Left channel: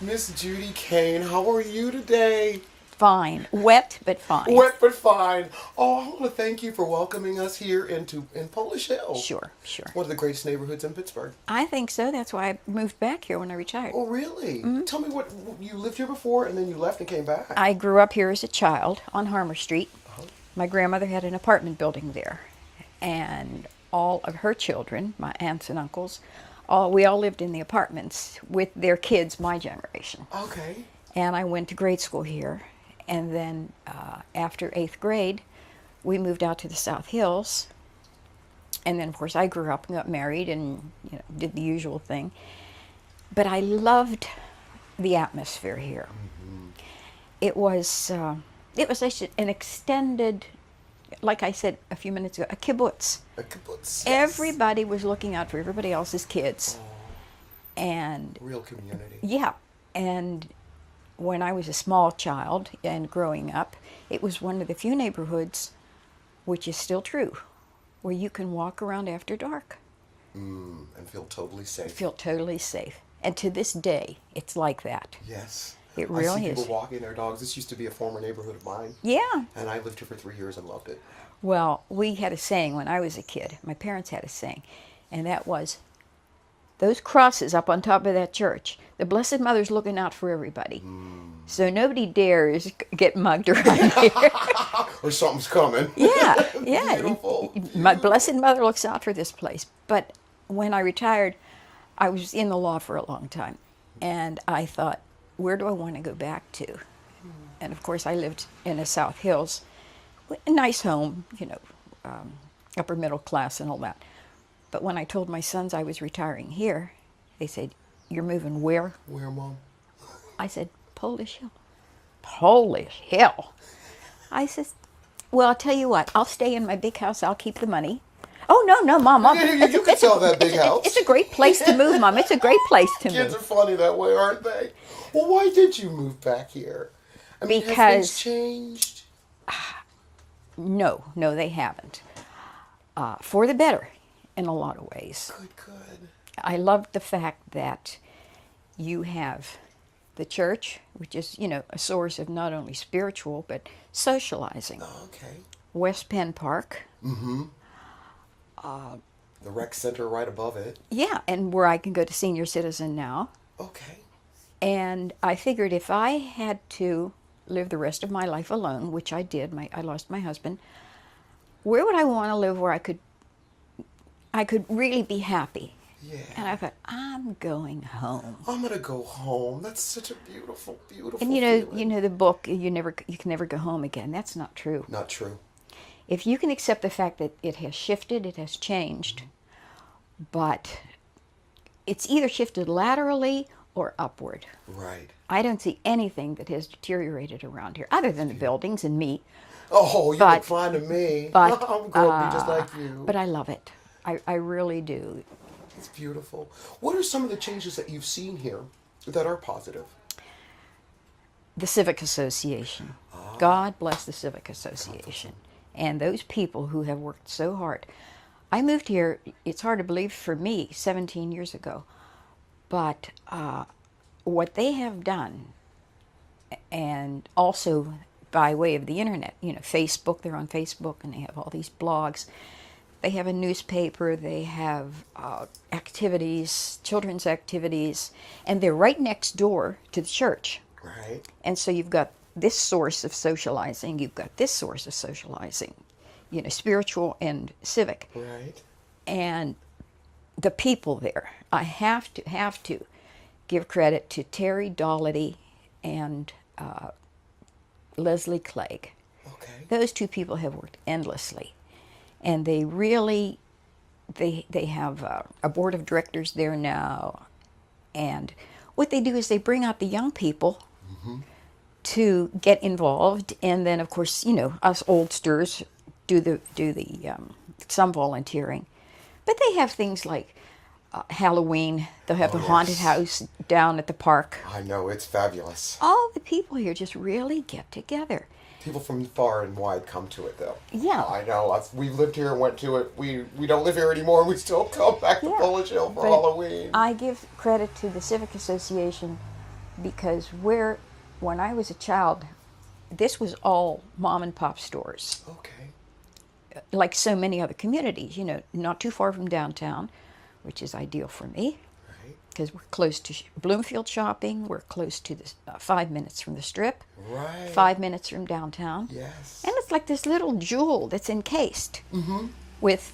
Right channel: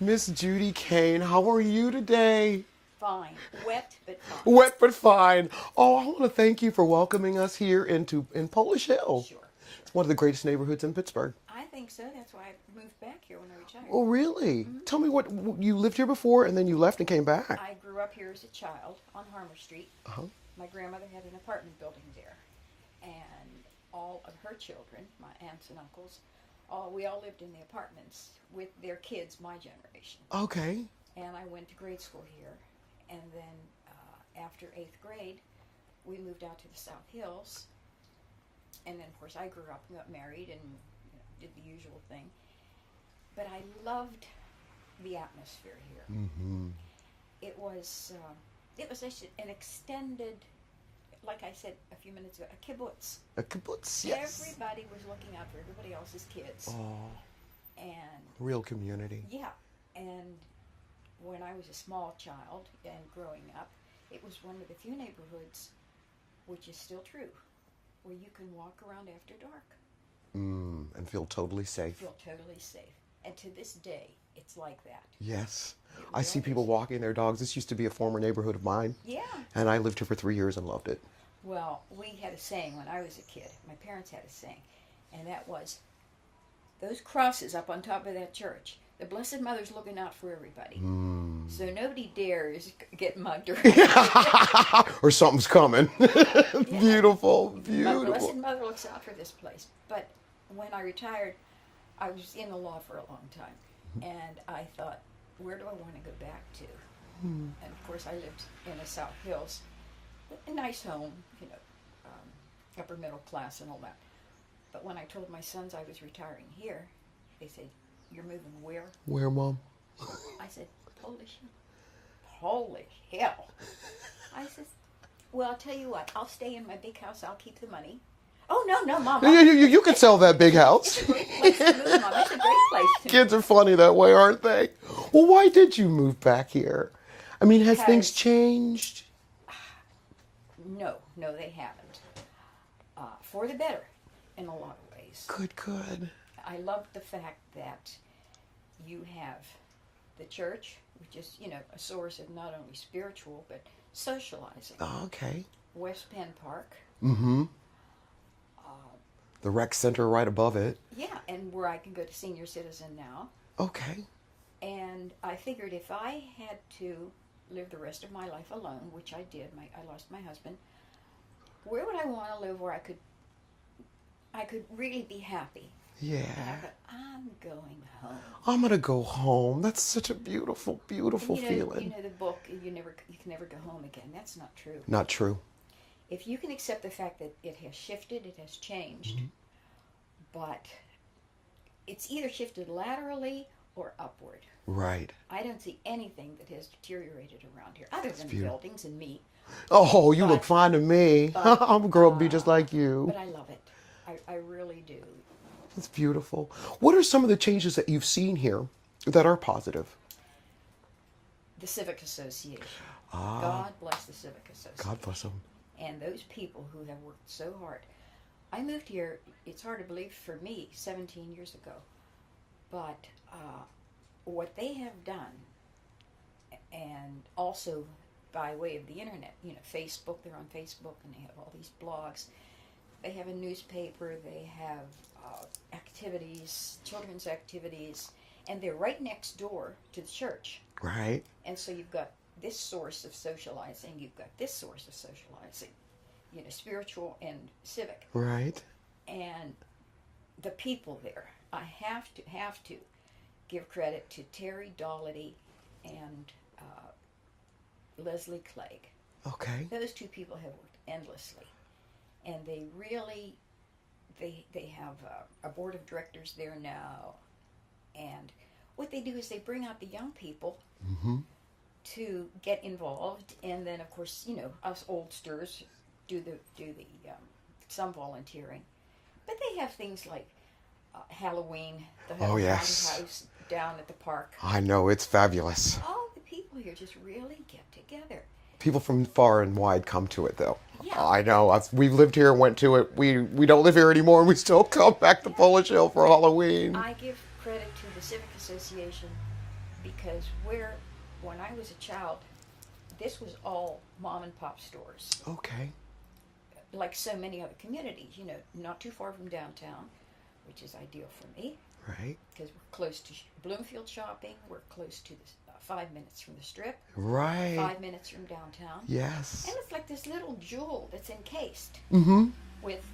Miss Judy Cain, how are you today? Fine. Wet, but fine. Wet but fine. Oh, I want to thank you for welcoming us here in Polish Hill. Sure, sure. One of the greatest neighborhoods in Pittsburgh. I think so. That's why I moved back here when I retired. Oh, really? Tell me what, you lived here before and then you left and came back. I grew up here as a child on Harmer Street. My grandmother had an apartment building there. And all of her children, my aunts and uncles, we all lived in the apartments with their kids, my generation. Okay. And I went to grade school here. And then after 8th grade, we moved out to the South Hills. And then, of course, I grew up and got married and did the usual thing. But I loved the atmosphere here. Mm-hmm. It was actually an extended, like I said a few minutes ago, a kibbutz. A kibbutz, yes. Everybody was looking out for everybody else's kids. Oh, and real community. Yeah. And when I was a small child and growing up, it was one of the few neighborhoods, which is still true, where you can walk around after dark. And feel totally safe. Feel totally safe. And to this day, it's like that. Yes. It really is. I see people walking their dogs. This used to be a former neighborhood of mine. Yeah. And I lived here for 3 years and loved it. Well, we had a saying when I was a kid. My parents had a saying, and that was, those crosses up on top of that church, the Blessed Mother's looking out for everybody. So nobody dares get mugged around here. Or something's coming. Yeah, yeah. Beautiful. My Blessed Mother looks out for this place. But when I retired, I was in the law for a long time. And I thought, where do I want to go back to? And of course, I lived in the South Hills. A nice home, upper middle class and all that. But when I told my sons I was retiring here, they said, "You're moving where?" Where, Mom? I said, "Polish Hill." Polish Hill? I said, "Well, I'll tell you what, I'll stay in my big house, I'll keep the money." "Oh, no, Mom. You could sell that big house. It's a great place to move, Mom. It's a great place to move. Kids are funny that way, aren't they? Well, why did you move back here? I mean, have things changed? No, they haven't. For the better, in a lot of ways. Good. I loved the fact that you have the church, which is, a source of not only spiritual, but socializing. Oh, okay. West Penn Park. Mm-hmm. The rec center right above it. Yeah, and where I can go to senior citizen now. Okay. And I figured if I had to live the rest of my life alone, which I did, I lost my husband, where would I want to live where I could really be happy? Yeah. And I thought, I'm going home. I'm gonna go home. That's such a beautiful, beautiful and feeling. The book, you can never go home again. That's not true. Not true. If you can accept the fact that it has shifted, it has changed, but it's either shifted laterally or upward. Right. I don't see anything that has deteriorated around here, other than the buildings and me. Oh, you look fine to me. But, I'm a girl to be just like you. But I love it. I really do. It's beautiful. What are some of the changes that you've seen here that are positive? The Civic Association. God bless the Civic Association. God bless them. And those people who have worked so hard. I moved here, it's hard to believe for me, 17 years ago. But what they have done, and also by way of the internet, Facebook, they're on Facebook and they have all these blogs. They have a newspaper, they have activities, children's activities, and they're right next door to the church. Right. And so you've got this source of socializing, you've got this source of socializing, spiritual and civic. Right. And the people there, I have to give credit to Terry Dollity and Leslie Clegg. Okay. Those two people have worked endlessly. And they really, they have a board of directors there now. And what they do is they bring out the young people to get involved. And then, of course, us oldsters do some volunteering. But they have things like Halloween. They'll have a haunted house down at the park. I know, it's fabulous. All the people here just really get together. People from far and wide come to it, though. Yeah. I know. We've lived here and went to it. We don't live here anymore, and we still come back to Polish Hill for Halloween. I give credit to the Civic Association because when I was a child, this was all mom and pop stores, Okay. like so many other communities, not too far from downtown, which is ideal for me. Right. Because we're close to Bloomfield shopping, we're close to the 5 minutes from the Strip, Right. 5 minutes from downtown. Yes. And it's like this little jewel that's encased with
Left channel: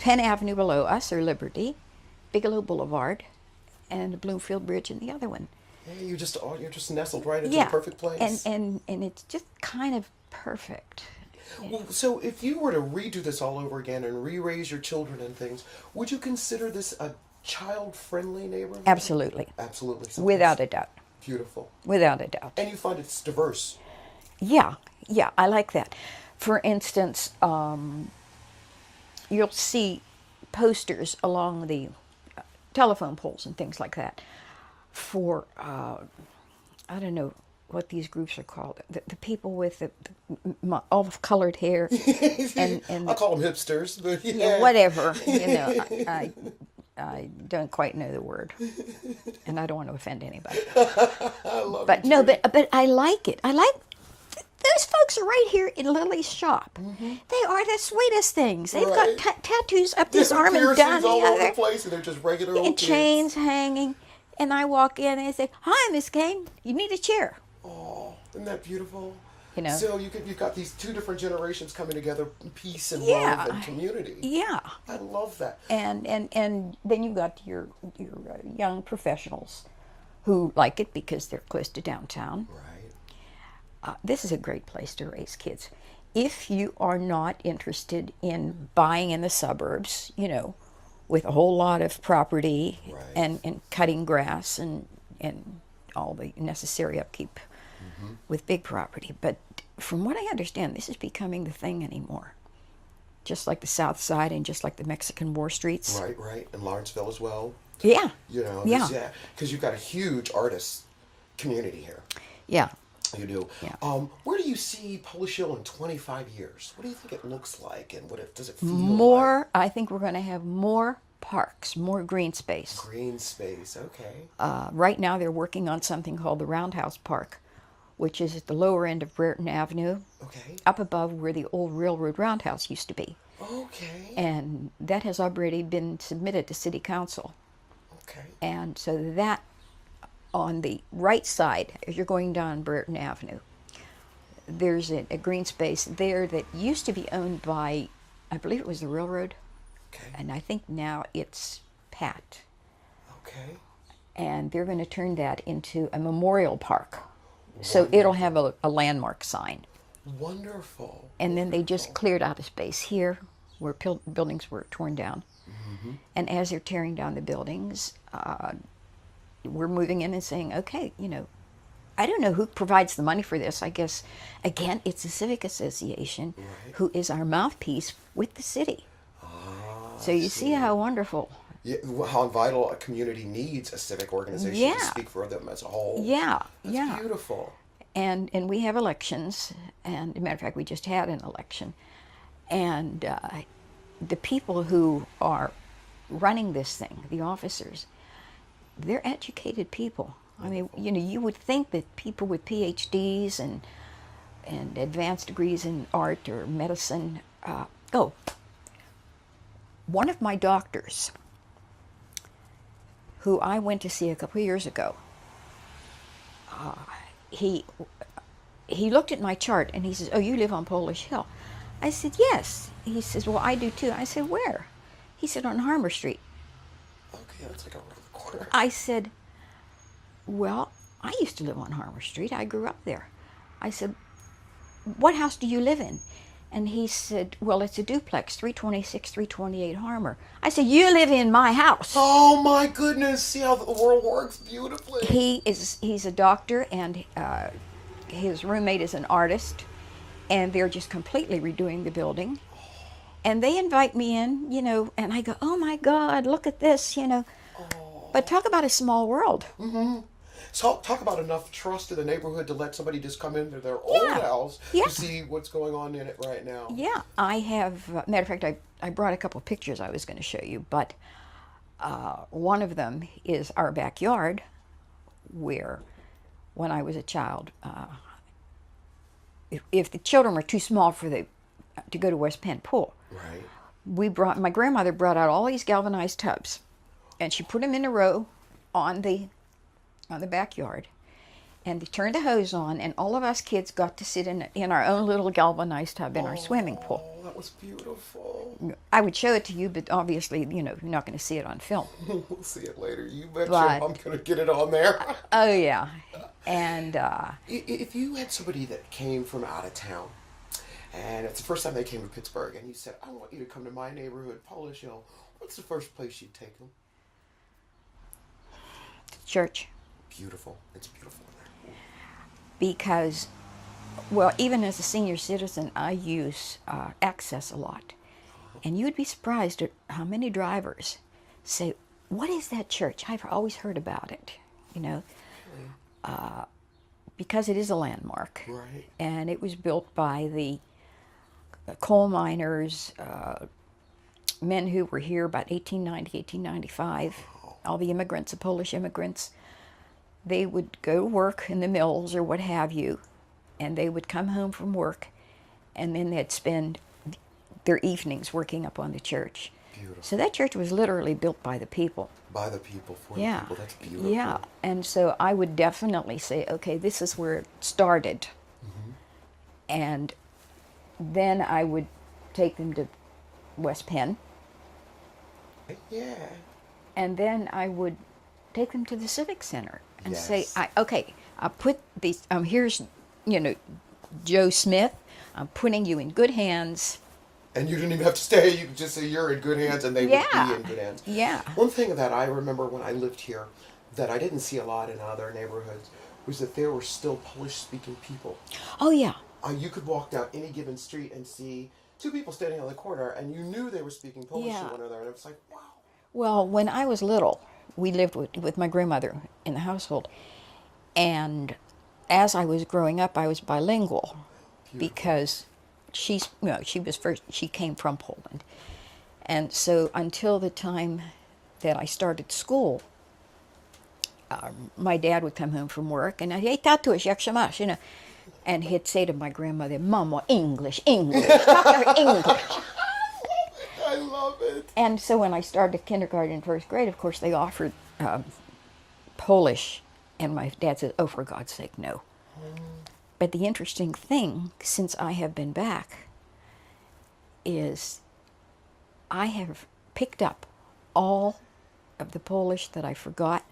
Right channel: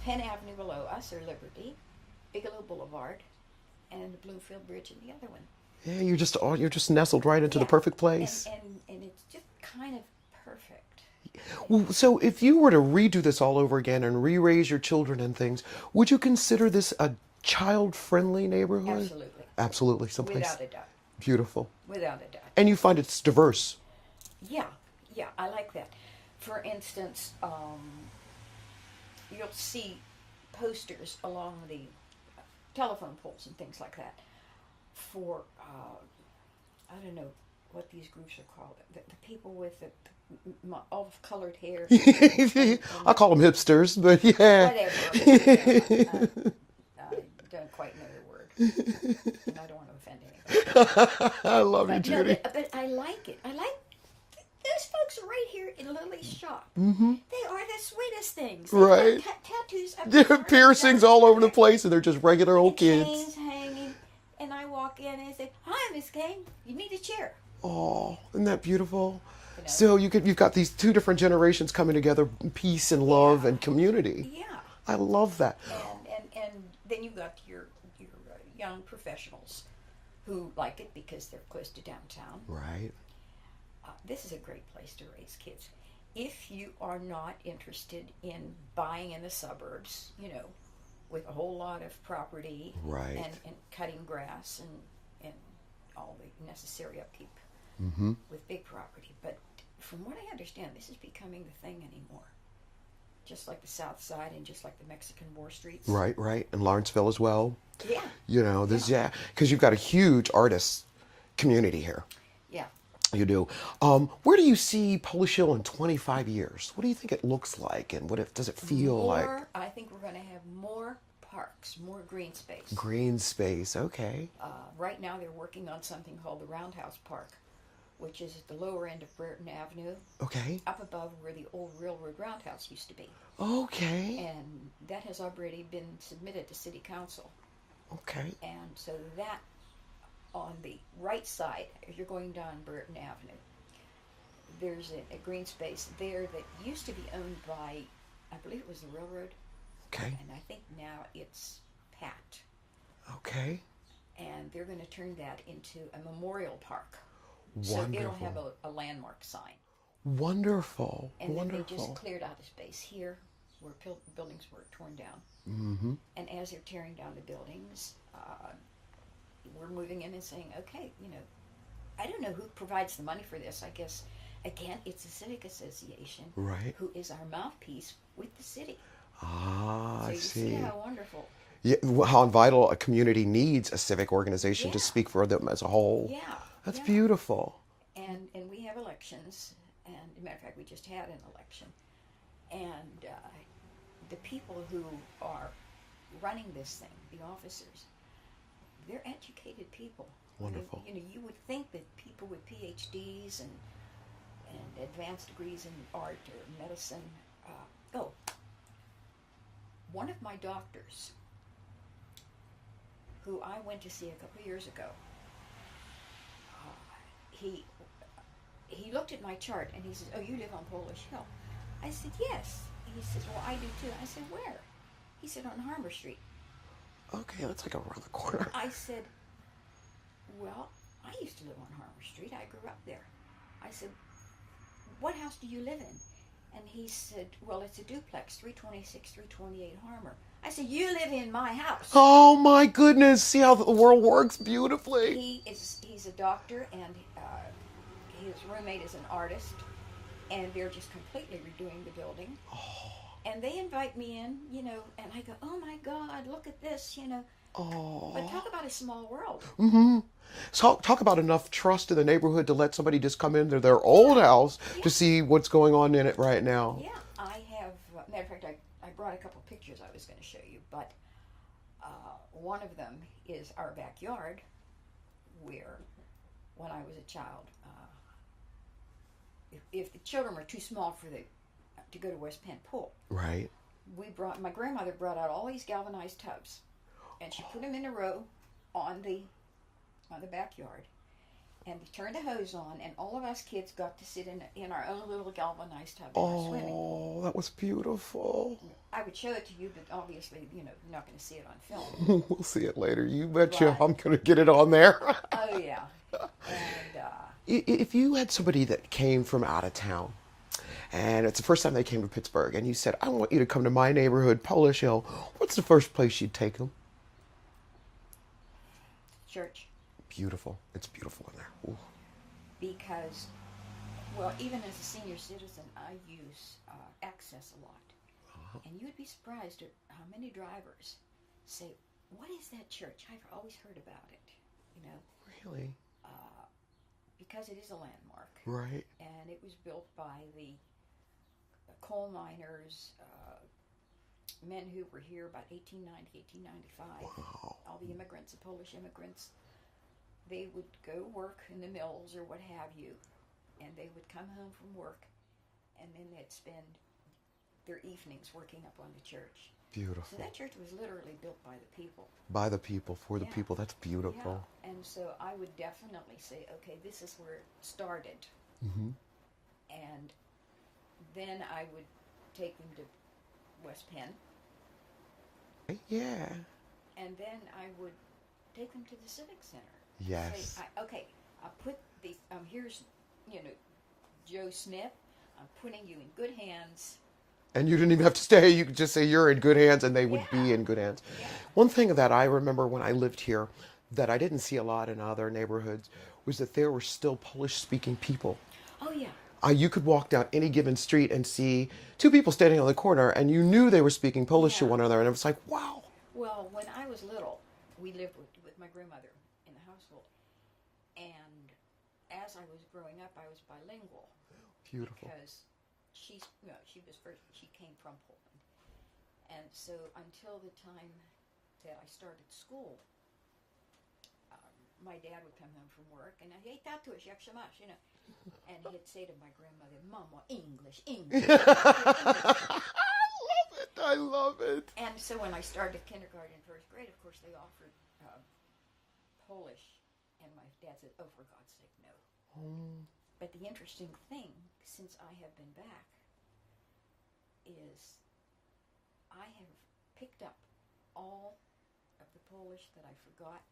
Penn Avenue below us, or Liberty, Bigelow Boulevard, and the Bloomfield Bridge in the other one. Yeah, you're just nestled right into the perfect place. And it's just kind of perfect. Well, so if you were to redo this all over again and re-raise your children and things, would you consider this a child-friendly neighborhood? Absolutely. Absolutely. Someplace Without a doubt. beautiful. Without a doubt. And you find it's diverse. Yeah, I like that. For instance, you'll see posters along the telephone poles and things like that for, I don't know what these groups are called, the people with the olive-colored hair. and I call them hipsters, but yeah. Whatever. I don't quite know the word, and I don't want to offend anybody. I love But it. no, Judy. but I like it. I like those folks are right here in Lily's shop. They are the sweetest things. They've Right. got tattoos up this arm and Piercings down all the over the other, place, and they're just regular old and kids. chains hanging. And I walk in and I say, "Hi, Miss Cain. You need a chair." Oh, isn't that beautiful? You know. So you've got these two different generations coming together, peace and love Yeah. and community. Yeah. I love that. And then you've got your young professionals who like it because they're close to downtown. Right. This is a great place to raise kids. If you are not interested in buying in the suburbs, with a whole lot of property Right. and cutting grass and all the necessary upkeep with big property. But from what I understand, this is becoming the thing anymore. Just like the South Side and just like the Mexican War Streets. Right. And Lawrenceville as well. Yeah. Yeah. Because you've got a huge artist community here. Yeah. You do. Where do you see Polish Hill in 25 years? What do you think it looks like, and does it feel like? I think we're going to have more parks, more green space. Green space, okay. Right now they're working on something called the Roundhouse Park, which is at the lower end of Brereton Avenue, Okay. up above where the old railroad roundhouse used to be. Okay. And that has already been submitted to City Council. Okay. And so that, on the right side, as you're going down Brereton Avenue, there's a green space there that used to be owned by, I believe it was the railroad, Okay. and I think now it's Pat. Okay. And they're going to turn that into a memorial park. So it'll have a landmark sign. Wonderful. And then they just cleared out a space here where buildings were torn down. And as they're tearing down the buildings, we're moving in and saying, okay, I don't know who provides the money for this. I guess, again, it's the Civic Association Right. who is our mouthpiece with the city. So I you see how wonderful. Yeah, how vital a community needs a civic organization Yeah. to speak for them as a whole. Yeah. That's yeah. beautiful. And we have elections, and as a matter of fact, we just had an election. And the people who are running this thing, the officers, they're educated people. Wonderful. I mean, you would think that people with PhDs and advanced degrees in art or medicine. One of my doctors, who I went to see a couple of years ago, he looked at my chart and he says, "Oh, you live on Polish Hill." I said, "Yes." He says, "Well, I do too." I said, "Where?" He said, "On Harmer Street." Okay, that's like around the corner. I said, "Well, I used to live on Harmer Street. I grew up there." I said, "What house do you live in?" And he said, "Well, it's a duplex, 326, 328 Harmer." I said, "You live in my house." Oh my goodness! See how the world works beautifully. He's a doctor, and his roommate is an artist, and they're just completely redoing the building. And they invite me in, and I go, "Oh my God, look at this, But talk about a small world. So talk about enough trust in the neighborhood to let somebody just come into their old house Yeah. to see what's going on in it right now. Yeah, I have. Matter of fact, I brought a couple of pictures I was going to show you, but one of them is our backyard, where when I was a child. If the children were too small for to go to West Penn Pool, Right. my grandmother brought out all these galvanized tubs, and she put them in a row on the backyard, and they turned the hose on, and all of us kids got to sit in our own little galvanized tub in our swimming pool. Oh, that was beautiful. I would show it to you, but obviously, you're not going to see it on film. We'll see it later. You betcha But- I'm going to get it on there. Oh yeah, and If you had somebody that came from out of town, and it's the first time they came to Pittsburgh, and you said, I want you to come to my neighborhood, Polish Hill, what's the first place you'd take them? church, Beautiful. It's beautiful in there. Ooh. because, well, even as a senior citizen, I use Access a lot, and you'd be surprised at how many drivers say, "What is that church? I've always heard about it," because it is a landmark. Right. And it was built by the coal miners, men who were here about 1890, 1895. All the immigrants, the Polish immigrants, they would go to work in the mills or what have you, and they would come home from work, and then they'd spend their evenings working up on the church. Beautiful. So that church was literally built by the people. By the people, for the people. That's beautiful. Yeah, and so I would definitely say, okay, this is where it started. And then I would take them to West Penn, Yeah. and then I would take them to the Civic Center and say, Yes. I put these, here's, Joe Smith, I'm putting you in good hands. And you didn't even have to stay. You could just say you're in good hands, and they would Yeah. be in good hands. Yeah. One thing that I remember when I lived here that I didn't see a lot in other neighborhoods was that there were still Polish-speaking people. Oh, yeah. You could walk down any given street and see two people standing on the corner, and you knew they were speaking Polish to Yeah. one another, and it was like, wow. Well, when I was little, we lived with my grandmother in the household. And as I was growing up, I was bilingual because she came from Poland. And so until the time that I started school, my dad would come home from work and I'd, "Hey, tatuś, jak się masz?" And he'd say to my grandmother, "Mama, English, talk to her English." I love it. And so when I started kindergarten and first grade, of course, they offered Polish. And my dad said, "Oh, for God's sake, no." But the interesting thing, since I have been back, is I have picked up all of the Polish that I forgot.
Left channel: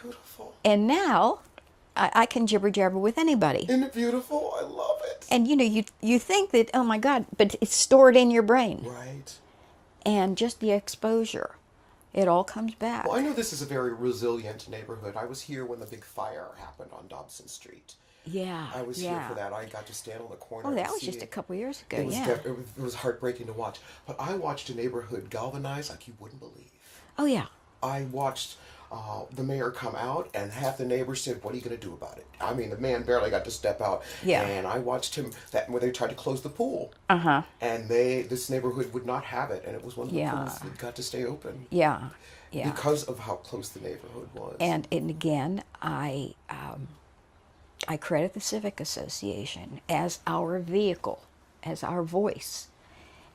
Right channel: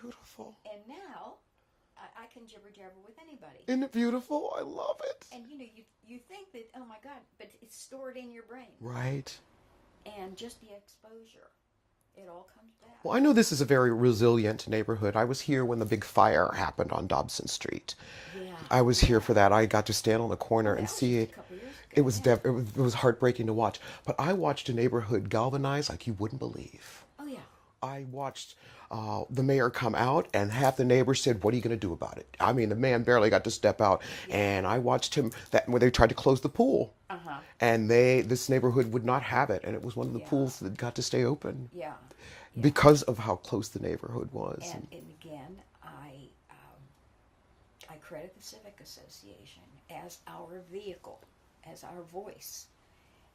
Beautiful. And now I can jibber jabber with anybody. Isn't it beautiful? I love it. And you think that, oh my God, but it's stored in your brain. Right. And just the exposure, it all comes back. Well, I know this is a very resilient neighborhood. I was here when the big fire happened on Dobson Street. Yeah. I was here for that. I got to stand on the corner Oh, that and was see just a couple years ago. It was yeah. it was heartbreaking to watch. But I watched a neighborhood galvanize like you wouldn't believe. Oh yeah. I watched the mayor come out, and half the neighbors said, "What are you going to do about it?" I mean, the man barely got to step out. Yeah. And I watched him when they tried to close the pool. And this neighborhood would not have it, and it was one of the Yeah. pools that got to stay open. Yeah. Yeah. Because of how close the neighborhood was. And again, I credit the Civic Association as our vehicle, as our voice.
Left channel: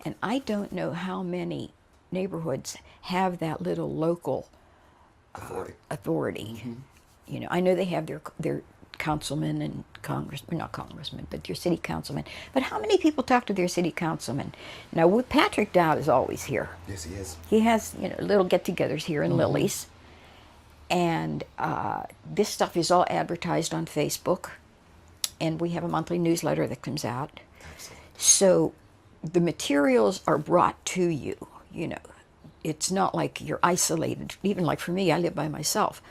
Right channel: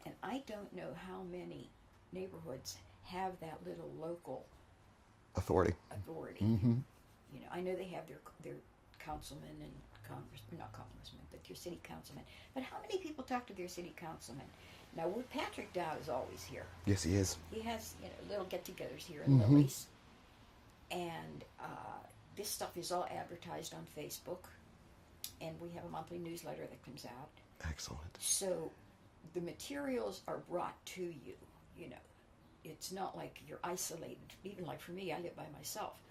And I don't know how many neighborhoods have that little local authority. I know they have their councilmen and not congressmen, but your city councilmen. But how many people talk to their city councilmen? Now, Patrick Dowd is always here. Yes, he is. He has, little get-togethers here in Lily's. And this stuff is all advertised on Facebook. And we have a monthly newsletter that comes out. Excellent. So the materials are brought to you, It's not like you're isolated. Even like for me, I live by myself.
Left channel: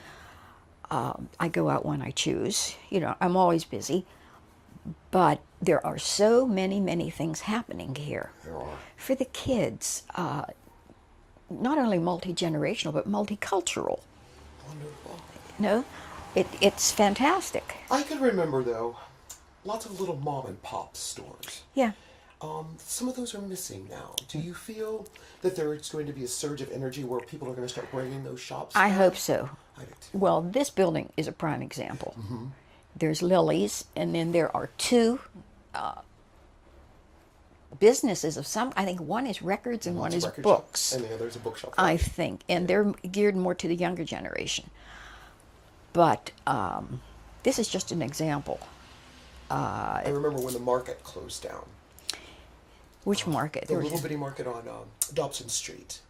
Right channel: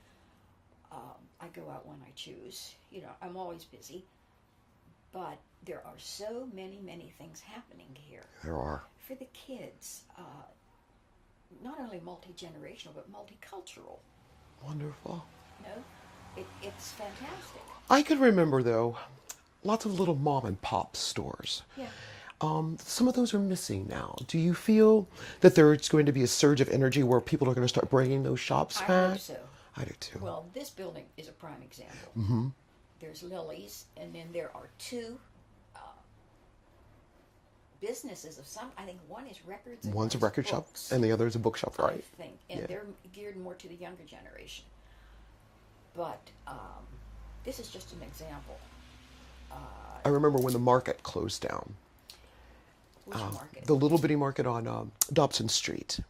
I go out when I choose. I'm always busy. But there are so many, many things happening here. There are. For the kids, not only multi-generational, but multicultural. Wonderful. It's fantastic. I can remember, though, lots of little mom and pop stores. Yeah. Some of those are missing now. Do you feel that there's going to be a surge of energy where people are going to start bringing those shops I back? hope so. I do too. Well, this building is a prime example. there's Lily's, and then there are two businesses of some. I think one is records and One's one a is record shop, books. and the other is a bookshelf. I Right? think, and they're geared more to the younger generation. But this is just an example. I remember when the market closed down. Which market? The There was- little bitty market on Dobson Street.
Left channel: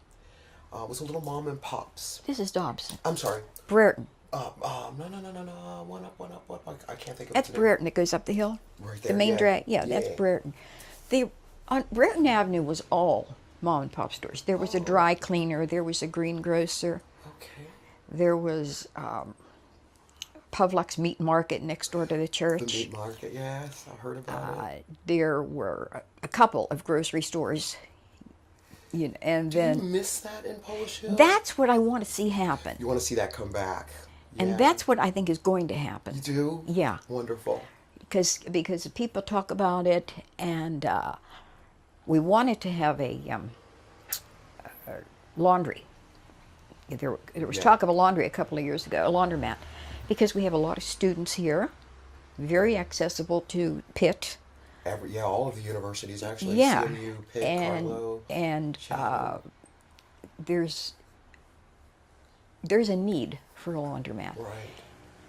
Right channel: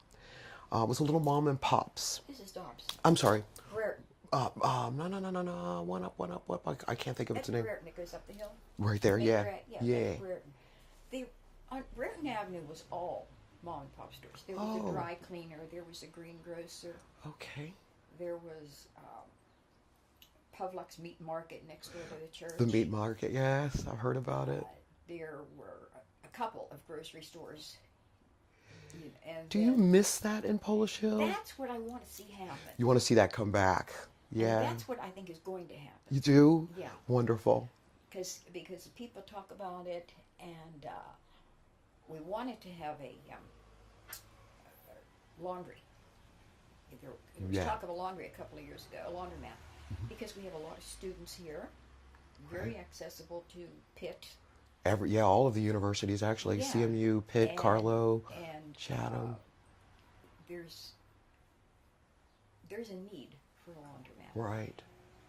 It was a little mom and pops. This is Dobson. I'm sorry. Brereton. No. One up. I can't think of That's its name. Brereton that goes up the hill. Right there, The main yeah. drag. Yeah, that's Yeah. Brereton. On Brereton Avenue was all mom and pop stores. There was a dry cleaner. There was a greengrocer. Okay. There was Pavlik's Meat Market next door to the church. The meat market, yes, I heard about it. There were a couple of grocery stores. And Do then you miss that in Polish Hill? that's what I want to see happen. You want to see that come back. Yeah. And that's what I think is going to happen. You do? Yeah. Wonderful. Because people talk about it, and we wanted to have a laundry. There was talk of a laundry a couple of years ago, a laundromat, because we have a lot of students here, very accessible to Pitt. All of the universities actually. Yeah. CMU, Pitt, Carlo. And Chatham. there's a need for a laundromat. Right.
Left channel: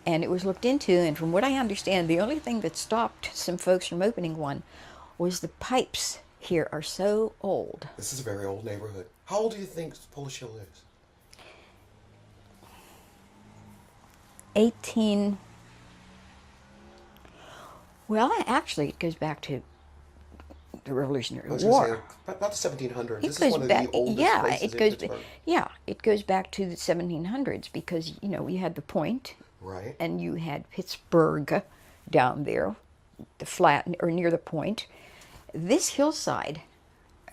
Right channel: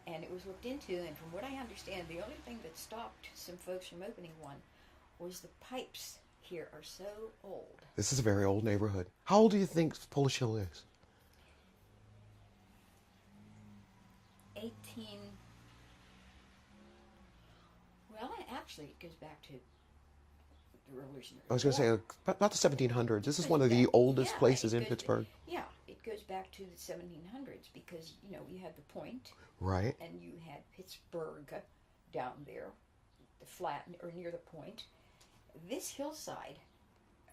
And it was looked into, and from what I understand, the only thing that stopped some folks from opening one was the pipes here are so old. This is a very old neighborhood. How old do you think Polish Hill is? 18. Well, actually, it goes back to the Revolutionary I was War. going to say, about the 1700s. This It is one of the goes oldest places in Pittsburgh. it goes back to the 1700s because, you had the Point, Right. and you had Pittsburgh down there, the flat, or near the Point. This hillside,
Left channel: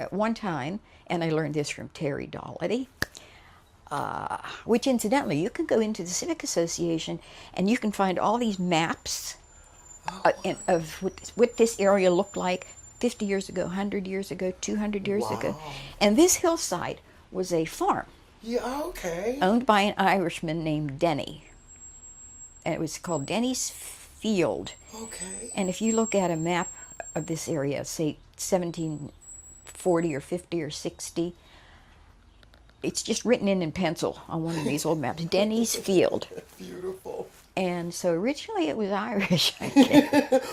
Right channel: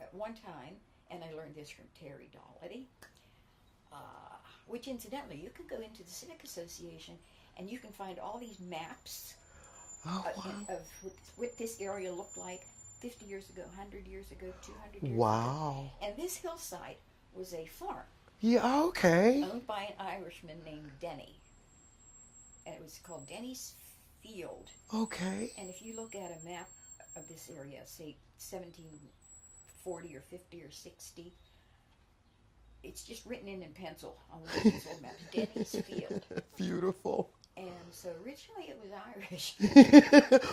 at one time, and I learned this from Terry Dollity, which incidentally, you can go into the Civic Association and you can find all these maps of what this area looked like 50 years ago, 100 years ago, 200 years ago. Wow. And this hillside was a farm Yeah, okay. owned by an Irishman named Denny. And it was called Denny's Field. Okay. And if you look at a map of this area, say 1740 or 50 or 60, it's just written in pencil on one of these old maps, Denny's Field. Beautiful. And so originally it was Irish, I think.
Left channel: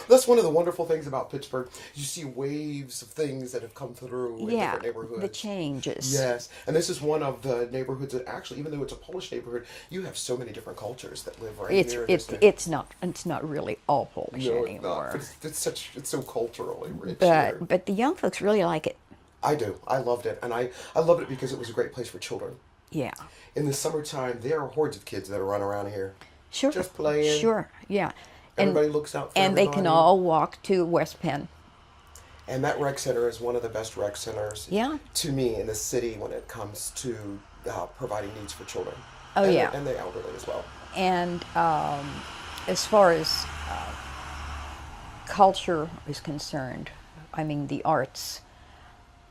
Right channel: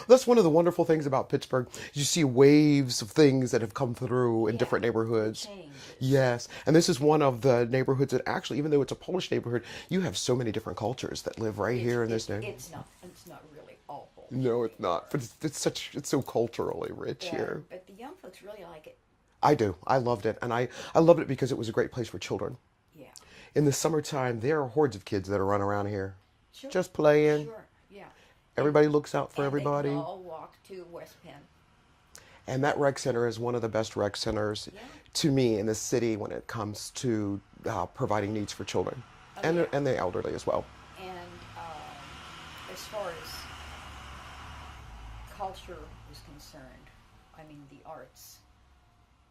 That's one of the wonderful things about Pittsburgh. You see waves of things that have come through in different the neighborhoods. changes. Yes, and this is one of the neighborhoods that actually, even though it's a Polish neighborhood, you have so many different cultures that live right here. In this neighborhood. It's not really all Polish No, anymore. it's not. But it's so culturally rich here. But the young folks really like it. I do. I loved it, and I loved it because it was a great place for children. Yeah. In the summertime, there are hordes of kids that are running around here. Sure. Just playing. Sure. Yeah. Everybody looks out for and everybody. they can all walk to West Penn. And that rec center is one of the best rec centers Yeah. to me in the city when it comes to providing needs for children. Oh, and yeah. And the elderly as well. And as far as culture is concerned, I mean the arts,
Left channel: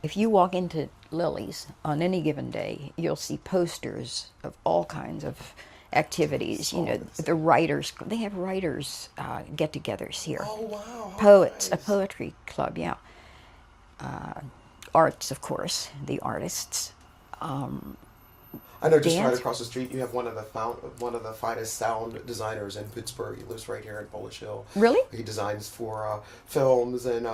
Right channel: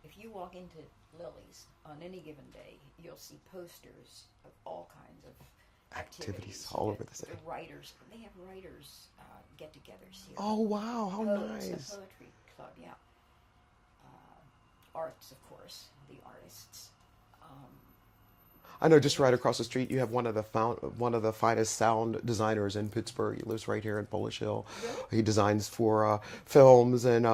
if you walk into Lily's on any given day, you'll see posters of all kinds of activities. all over the The writers, they have writers get-togethers here. Oh, wow. how Poets, nice. a poetry club, yeah. Arts, of course, the artists. I know just right dance. across the street you have one of the finest sound designers in Pittsburgh. He lives right here in Polish Hill. Really? He designs for films and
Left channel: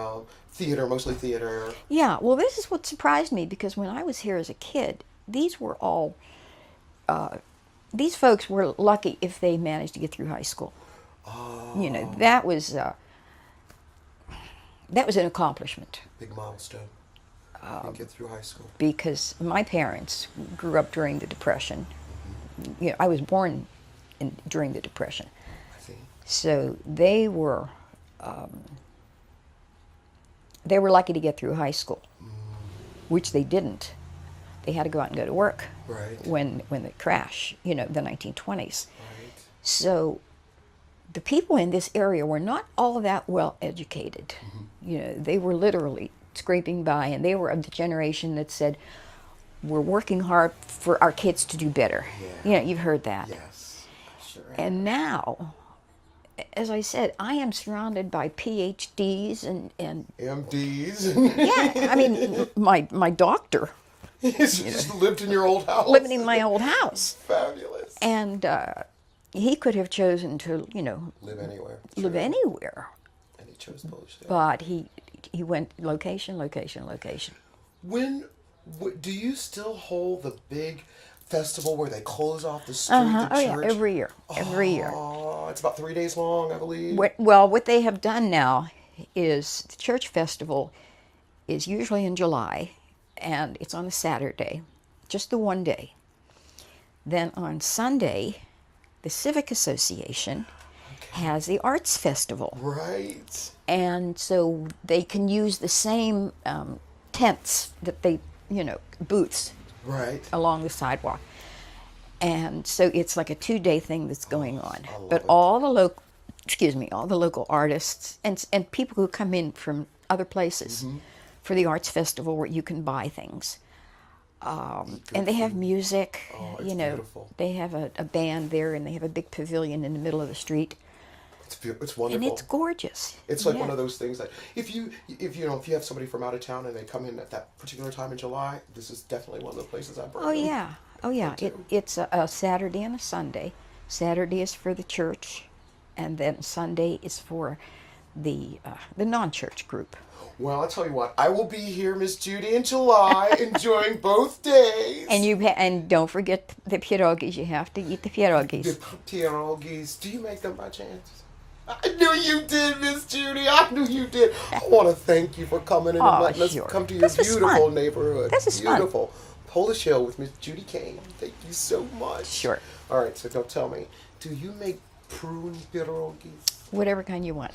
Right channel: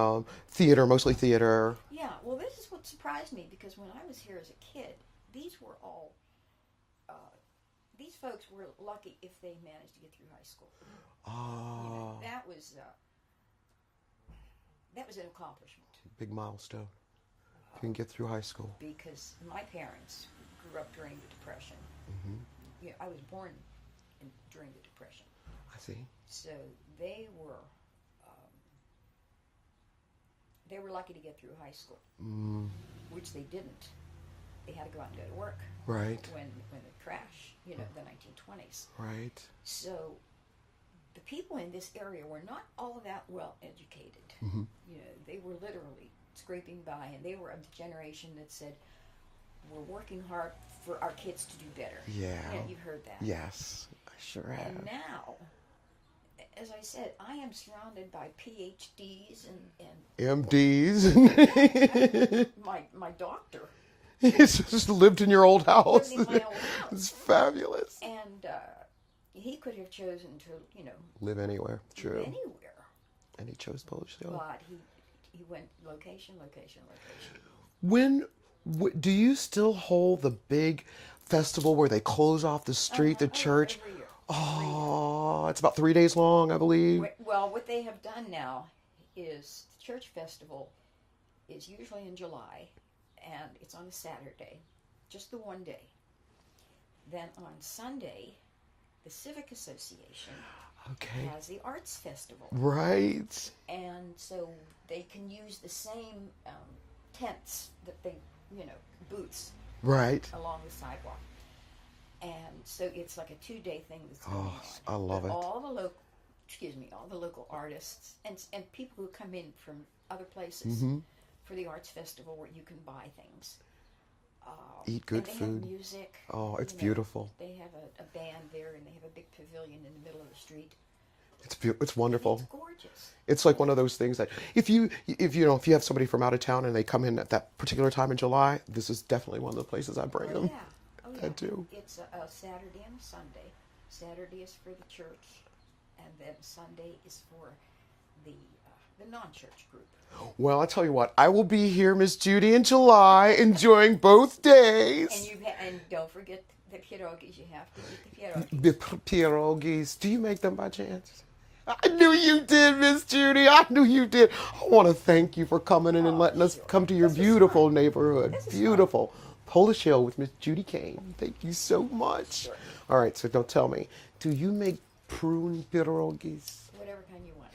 theater, mostly theater. Yeah, well, this is what surprised me because when I was here as a kid, these were all, these folks were lucky if they managed to get through high school. That was an accomplishment Big milestone. And get through high school. because my parents grew up during the Depression. I was born during the Depression. I see. So they were lucky to get through high school, which they didn't. They had to go out and go to work Right. when the crash, the 1920s. Right. So the people in this area were not all that well educated. They were literally scraping by, and they were of the generation that said, we're working hard for our kids to do better. Yeah. You've heard that. Yes. I sure have. And now, as I said, I am surrounded by PhDs and MDs. yeah, I mean, my doctor He's just lived in your old house. living in my old house. Fabulous. And he could have chosen to, Live anywhere. live True. anywhere. And he chose Polish Hill. But he went location, location, location. Do you still hold the big festival where they close off the street, the Oh, church? yeah, every year. Every year. Oh, it's about 3 days long, I believe. What they have done now is the church festival is usually in July, and it's on a Saturday, just the one day. Then on Sunday, the Civic Association has the Arts Festival. Right. And so they can use the same tents that they, booths Right. along the sidewalk. And so it's like a 2-day thing that's going on. I love But it. all the local artists and people who come in from other places Mm-hmm. for the arts festival where you can buy things. And they have music. Oh, it's beautiful. They have a band there, and they have a big pavilion in the middle of the street. It's wonderful. And it's gorgeous. It's like Yeah. one of those things that if you have somebody from out of town and they come in at that particular time in July, this is definitely one of the places I bring Oh them. yeah, oh yeah. too. It's a Saturday and a Sunday. Saturday is for the church, and then Sunday is for the non-church group. Well, I'll tell you what, I will be here, Miss Judy, in July, enjoying both days. And don't forget the pierogies. You have to eat the pierogies. The pierogies. Do you make them by chance? I knew you did, Miss Judy. I knew you did. I want to thank you for coming in and Oh, letting us sure. come to your This was beautiful fun. neighborhood. This is fun. Beautiful. Polish Hill with Miss Judy Cain. Thank you so much. Sure. All right, so don't tell me, do you make prune pierogies? Whatever kind you want.